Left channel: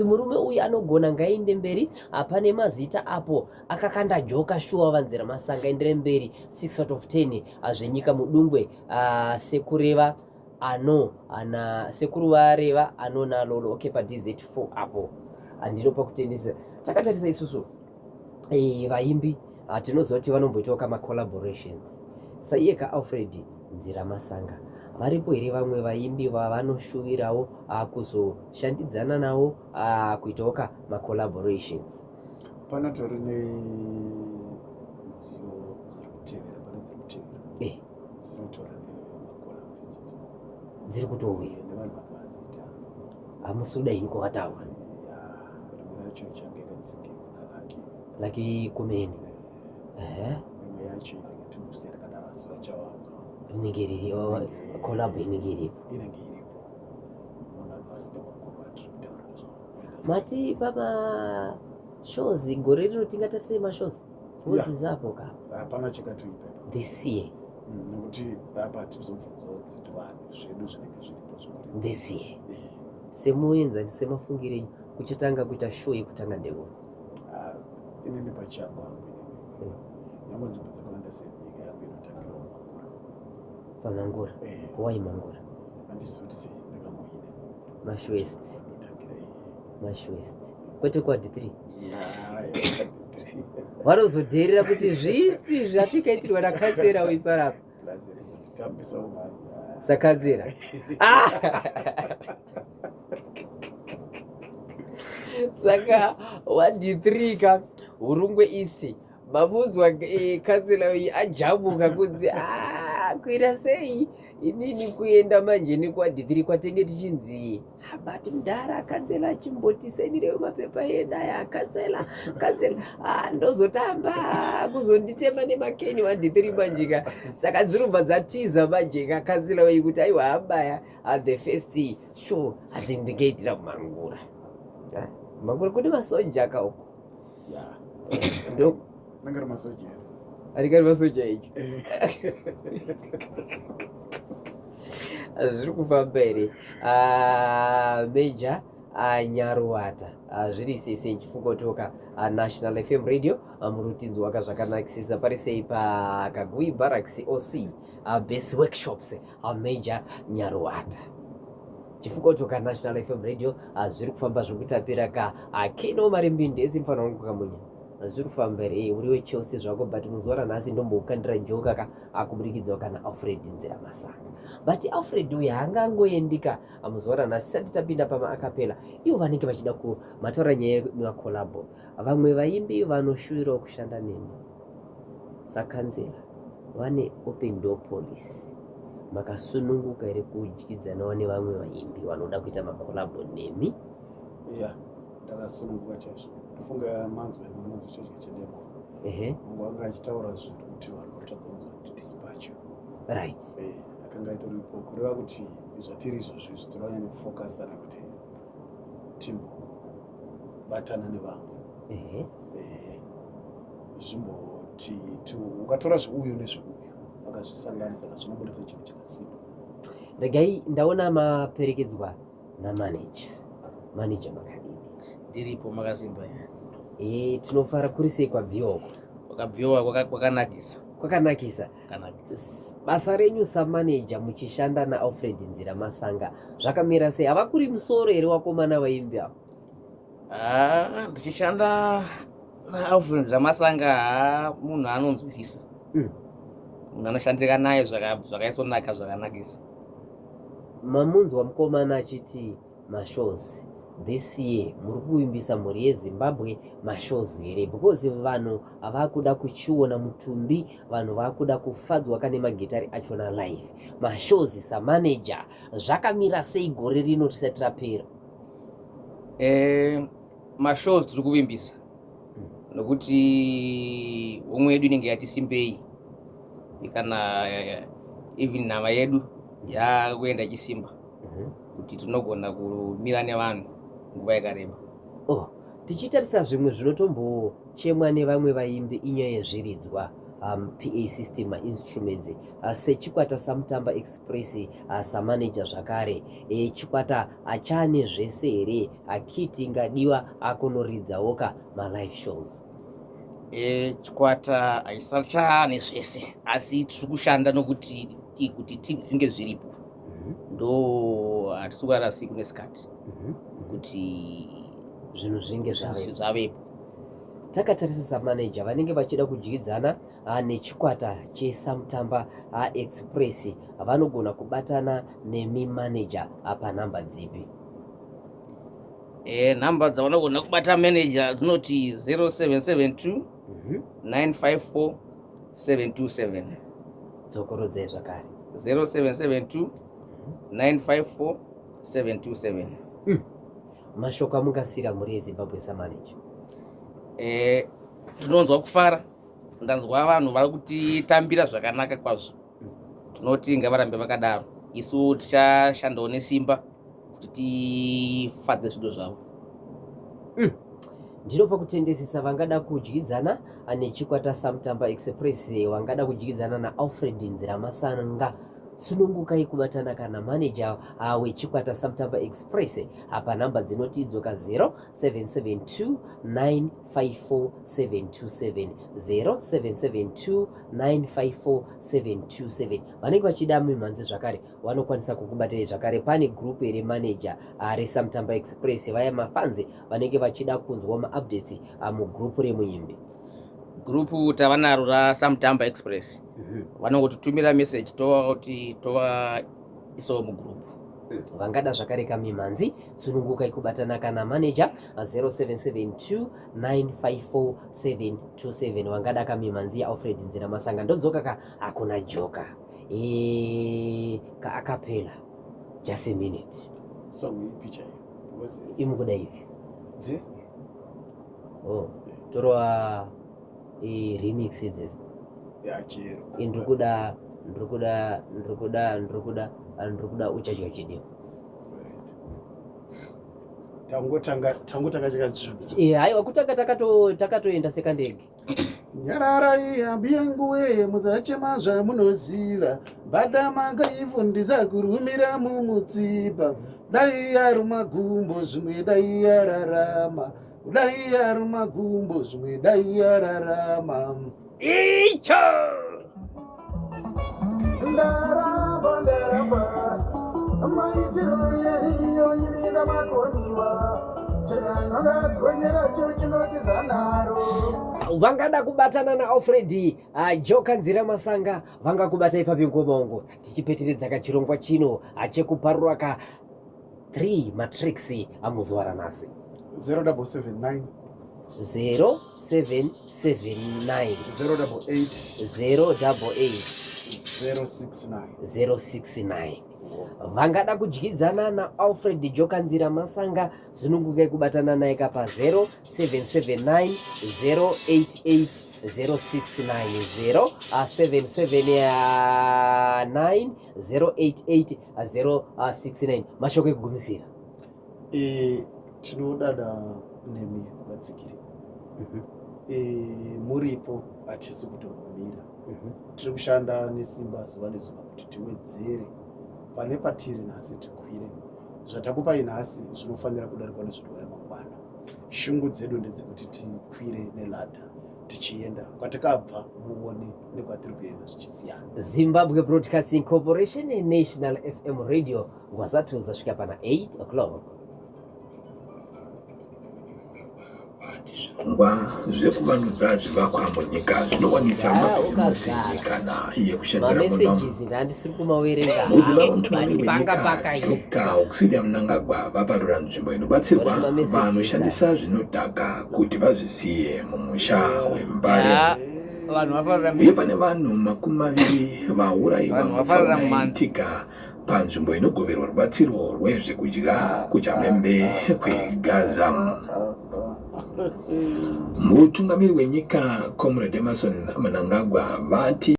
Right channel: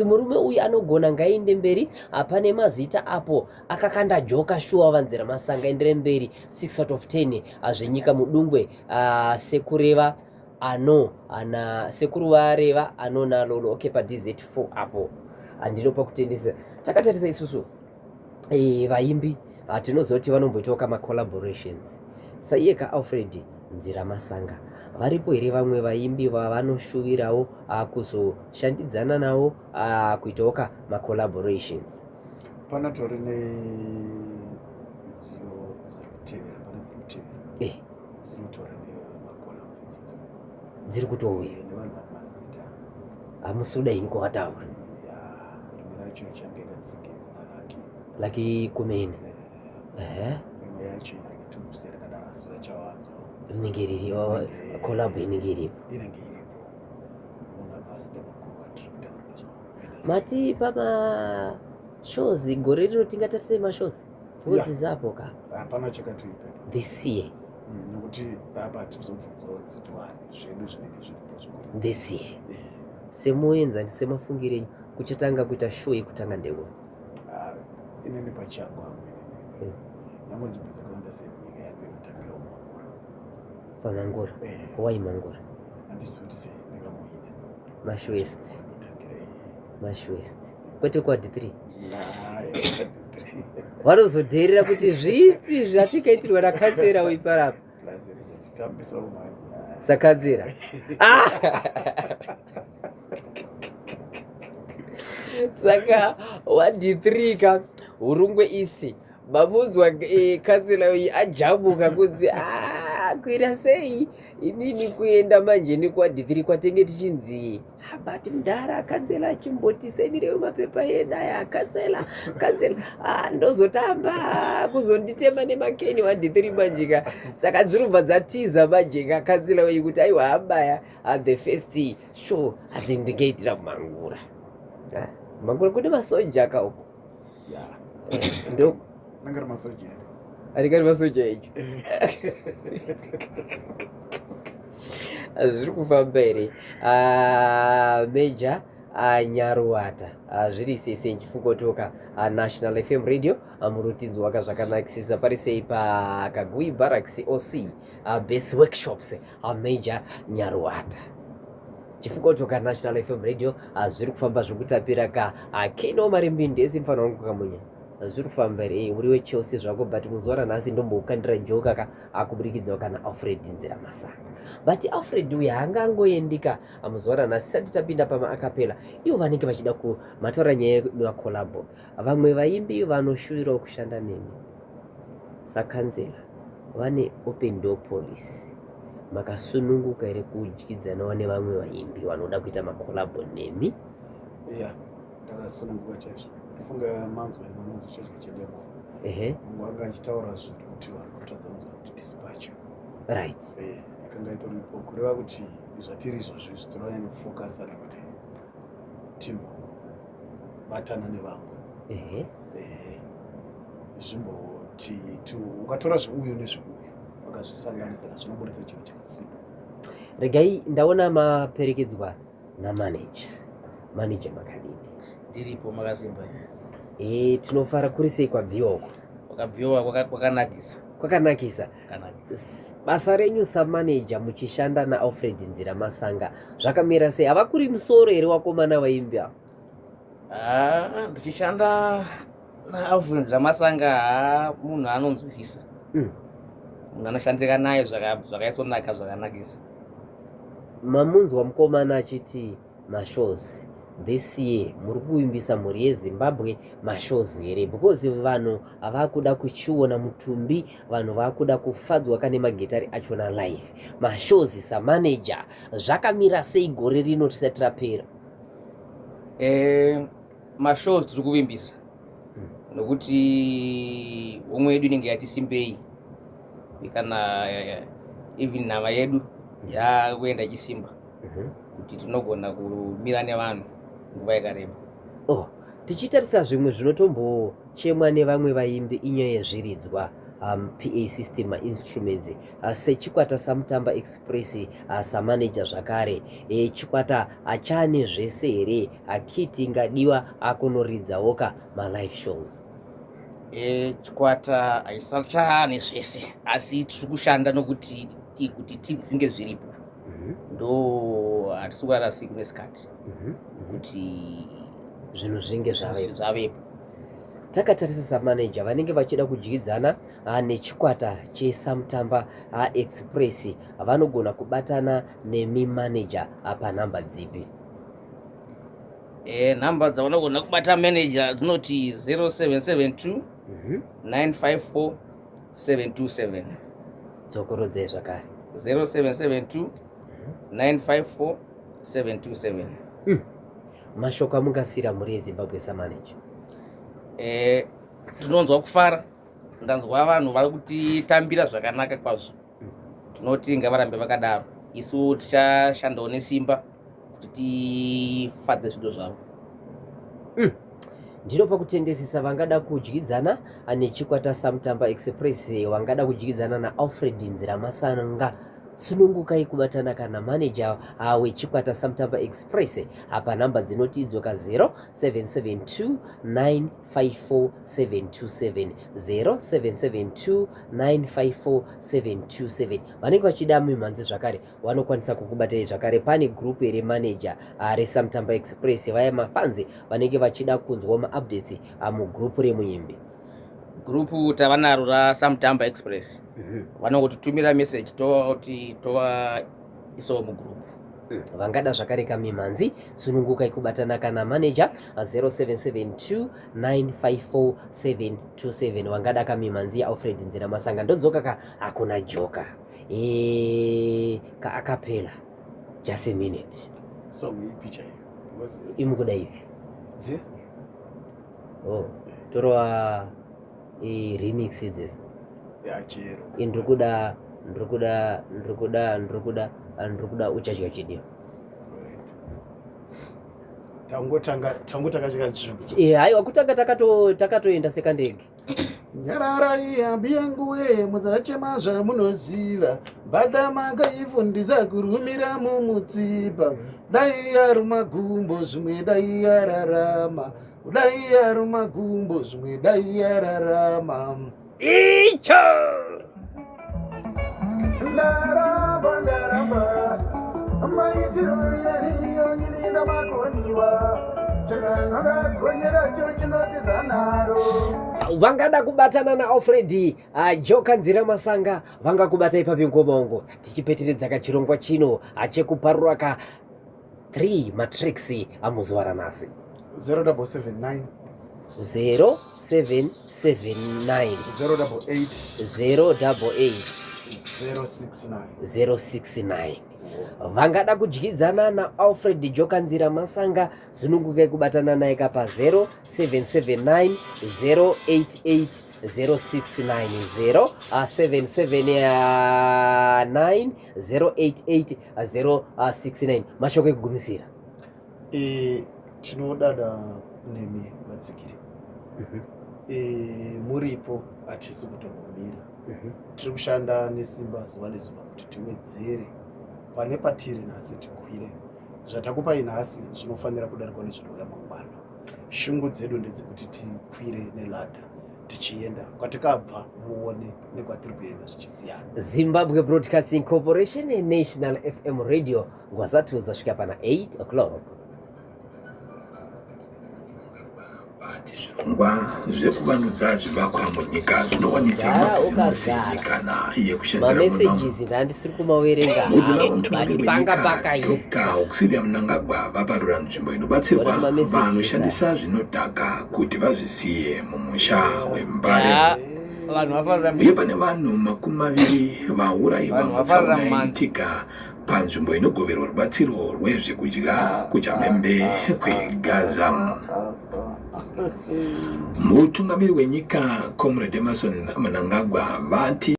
murume uyu anogona ngaende mberi. Pane mazita apo akakanda joka shuwa vanzira masanga endere mberi 6 out of 10 zvenyika mudungwe sekureva sekuru vareva anonalolo okay paDZ4 apo handinopa kutendesa. Takatarisa isusu vaimbi tinozoti vanomboitawo kama collaborations saiye kaAlfred Nzira Masanga. Varipo here vamwe vaimbi vavanoshuwirawo kuzoshandidzana nawo kuitawo ma collaborations? Panatori nedziyo dziri kutevera dzinotori nemacollaborations dziri kutouya nevanhu vane mazita hamusuda inko vataura rimwe racho ichange katsigirwa laki kumene rimwe yacho ingatongosiyana kadaro asi vachawanzo rinenge riri collab inenge iripo munhu anovasita makuru atiri kutaura nezvo mati pamashows gore rino tingatarise mashows uzi zvapo ka hapana chakatoipa this year nokuti apa tizobvunzawo nziti wani zvedu zvinenge zviripo zvikuru this year semuenza semafungire enyu kuchatanga kuita show yekutanga ndeko inini pachangu hangu nyangwe nzvimbo dzakawanda semunyika yangu inotambirawo Mangura wai Mangura handisi kuti sei ndakamboida Mashwest kwete kwa D3 vanozodherera kuti zvipi zvatikaitirwa nakanzera uiparapa nditambisa umanya sakanzera saka wa-D3 ka Hurungwe East mabunzwa kanzera uyu ajabuka kunzi kwira sei inini kuenda manje nekwa-D3 kwatenge tichinzi bati mudhara kanzela achimbotisendirewo mapepa edaya kanzela ndozotamba kuzonditema nemakeni wa-D3 manjeka. Saka dzirubva dzatiza manjeka kanzela weyu kuti aiwa abaya the first show adzindigaitira Mangura. Mangura kune masoja kauko ndo nangari masoja arikari masoja icho zviri kufamba here. Major Nyaruwata zviri sese nchifungotoka National FM radio murutidzo wakazvakanakisisa pari sei paKagui Barracks OC base workshops Major Nyaruwata chifungotoka National FM radio zviri kufamba zvokutapira ka Keno Marimbindezi mfana wangu kamunya zviri kufamba here uri weChelsea zvako but muzuva ranhasi ndombokandira joka ka akuburikidzawo kana Alfred Nzira Masanga. But Alfred uyu haangangoendika muzuva ranhasi sati tapinda pamaakapela ivo vanenge vachida kumataura nyaya yemakolabo. Vamwe vaimbi vanoshuwirawo kushanda nemi sakanzela vane open door policy. Makasununguka here kudyidzanawo nevamwe vaimbi vanoda kuita makolabo nemi? Ndakasununguka chaizvo. Ndofunga manzwa chaizvo chedemo mungu anga achitaura zvinhu kuti vanhu varikutadza kunzwa kuti dispatch right yakanga itoripo kureva kuti zvatiri izvozvi zvitoranyanya kufokasana kuti timbobatana nevamwe zvimboti ukatora zveuyu nezveuyu vakazvisanganisa zvinoburitsa chinhu chakasimba. Regai ndaona maperekedzwa namanager makadini ndiripo makasimba tinofara kuri sei kwabviwa kwakabviwa kwakanakisa. Basa renyu samanager muchishanda naAlfred Nzira Masanga zvakamira sei? Hava kuri musoro here wakomana vaimbi avo? Ndichishanda naAlfred Nzira Masanga munhu anonzwisisa, munhu anoshandika naye zvakaisonaka zvakanakisa. Mamunzwa mukomana achiti mashows this year muri kuimbisa mhuri yeZimbabwe mashows here because vanhu vakuda kuchiona mutumbi, vanhu vakuda kufadzwa kane magitari achona live. Mashows samanager zvakamira sei gore rino tisati rapera? Mashows tiri kuvimbisa nokuti umwe yedu inenge yati simbei kana even nhava yedu yakuenda ichisimba kuti tinogona kumira nevanhu nguva yakareba. Tichitarisa zvimwe zvinotombochemwa nevamwe vaimbi inyaya yezviridzwa PA system instruments sechikwata samutamba express samanager zvakare chikwata achane zvese here akiti ingadiwa akunoridzawoka malive shows. Chikwata haisachane zvese asi tiri kushanda nokuti kuti zvinge zviripo ndo hatisi kugara siku nesikati kuti zvinhu zvinge zvavepo. Takatarisa samanager vanenge vachida kudyidzana nechikwata chesamutamba express vanogona kubatana nemimanager panhamba dzipi? Nhamba dzavanogona kubata manager dzinoti 0772 954 727. Dzokorodzei zvakare 0772 954 727. Mashoko amungasira muri eZimbabwe samanager? Tinonzwa kufara, ndanzwa vanhu vari kutitambira zvakanaka kwazvo. Tinoti ngavarambe vakadaro, isu tichashandawo nesimba kuti tifadze zvido zvavo. Ndinopa kutendesesa vangada kudyidzana nechikwata samutamba express, vangada kudyidzana naAlfred Nziramasanga, sunungukai kubatana kana manager wechikwata samutamba express panhamba dzinotidzoka 0772 954 727 0772 954 727. Vanenge vachida mimhanzi zvakare vanokwanisa kukubatai zvakare. Pane group remanager resamutamba express, vaya mafanzi vanenge vachida kunzwa maupdates mugrupu remuimbi. Grupu tavanaro rasamutamba express vanongotitumira message toti tovaisawo mugrupu. Vangada zvakare kamimhanzi sunungukai kubatana kana manager 0772 954 727. Vangada kamimhanzi yaAlfred Nziramasanga. Ndodzoka akuna joka kaakapela just a minute. Song ipicha imukuda hivi torwa remix idzesi yachero ndikuda uchadya chidiwa tangotanga chikatsvuku. Haiwa kutanga takatoenda sekandege. Nyararai hambi yenguwe musachema zvamunoziva, mbada makaifundisa kurumira mumutsipa. Dai yari magumbo zvimwe dai yararama, dai yari magumbo zvimwe dai yararama. Icho ndaramba maitiro yeriyo irinda makoniwa chakangagonyera cho chinotizanaro. Vangada kubatana naAlfred joka Nziramasanga vangakubata ipapi ngomongo tichipeteredza kachirongwa chino chekuparura ka 3 matrix amuzuva ranhasi. 0779 0779 088 069. Vangada kudyidzana naAlfred joka Nziramasanga sunungukai kubatana naye pa 0779 088 069 0779 088 069. Mashoko ekugumisira. Tinodada nemi vatsigiri. Muripo hatisi kutongomira. Tiri kushanda nesimba zuva nezuva kuti tiwedzere pane patiri nhasi tikwire. Zvatakupai nhasi zvinofanira kudarikwa nezvinouya mangwana. Shungu dzedu ndedzekuti tikwire neladha tichienda kwatikabva muone nekwatiri kuenda zvichisiyana. Zimbabwe Broadcasting Corporation National FM Radio ngwazatu zasvika pana 8 o'clock. Zvirongwa zvekuvandudza zvivakwa munyika zvinowanisa mabhizimusi yenyikana yekushandira messages ndandisiri kumaverenga kusivya Mnangagwa vaparura nzvimbo inobatsirwa vanoshandisa zvinodhaka kuti vazvisiye mumusha weMbare. Uye pane vanhu 20 vaurayiwa mutsaunayitika panzvimbo inogoverwa rubatsiro rwezvekudya kuChamembe kweGaza. Mutungamiri wenyika Comrade Emmerson Mnangagwa vati